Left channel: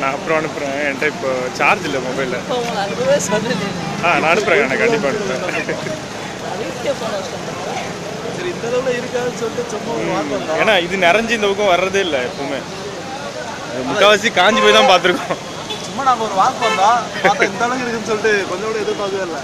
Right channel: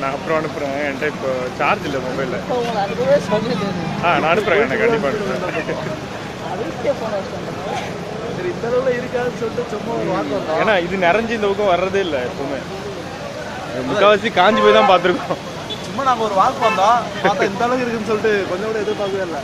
நான் அப்புறம் அனுப்புகிறேன். என்கிட்ட இப்போ சார்ஜ் இல்லை மொபைலில். நான் அனுப்புகிறேன். எனக்கு கண்டிப்பாக அனுப்புகிறேன். சரி, இந்த அளவில் இருக்காதுன்னு சொல்லிட்டு சும்மா ஒரு வாக்கு வந்தோம். ஏன்னா இது நிறைஞ்சு இந்த பக்கம் வர்றதே இல்லை எப்பவுமே. முக்கால்வாசி காஞ்சி போய் தான் பார்த்துருக்கோம். சும்மா நாங்கள் ஒரு வாக்கு வந்தோம். பார்த்தா இந்த அளவுக்கு இருக்குன்னு சொல்லிட்டு கொஞ்சம் கூட எதிர்பார்க்கவே இல்லை.